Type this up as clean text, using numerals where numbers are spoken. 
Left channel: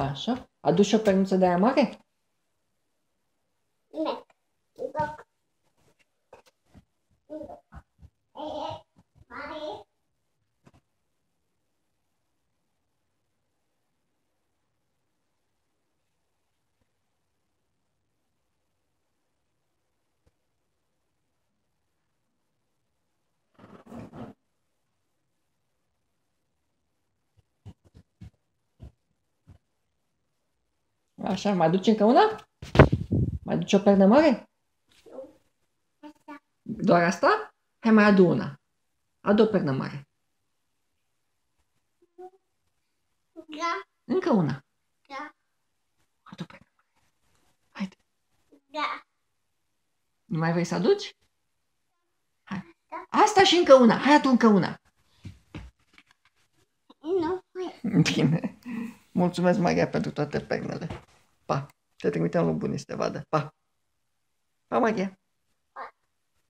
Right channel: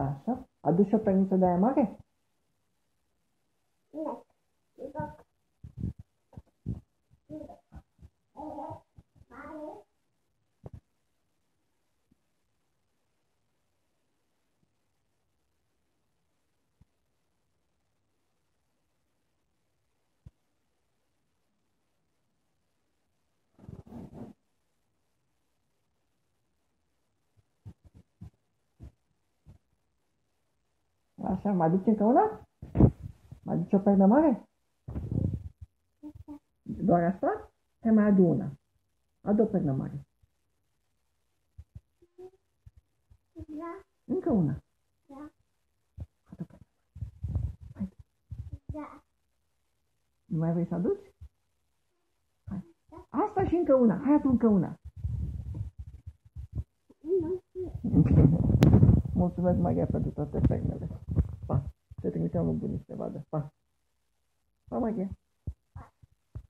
Așa. Aduci o pernuță de aia mare? Așa, mai aduci încă una? Mai aduci o pernă mare? Doar asta? Hai, mai adu una. Adu o pernă mare. Da. Încă una. Da. Adu o pernă mare. Haide. Da. Nu mai vrei să aduci? Hai. Da. Asta și încă una. Hai, adu încă una. Nu. Bine. Mulțumesc, Maria, pentru toate pernele. Pa. Te trimitem lui Bunici să te vadă. Pa. Pa, Maria.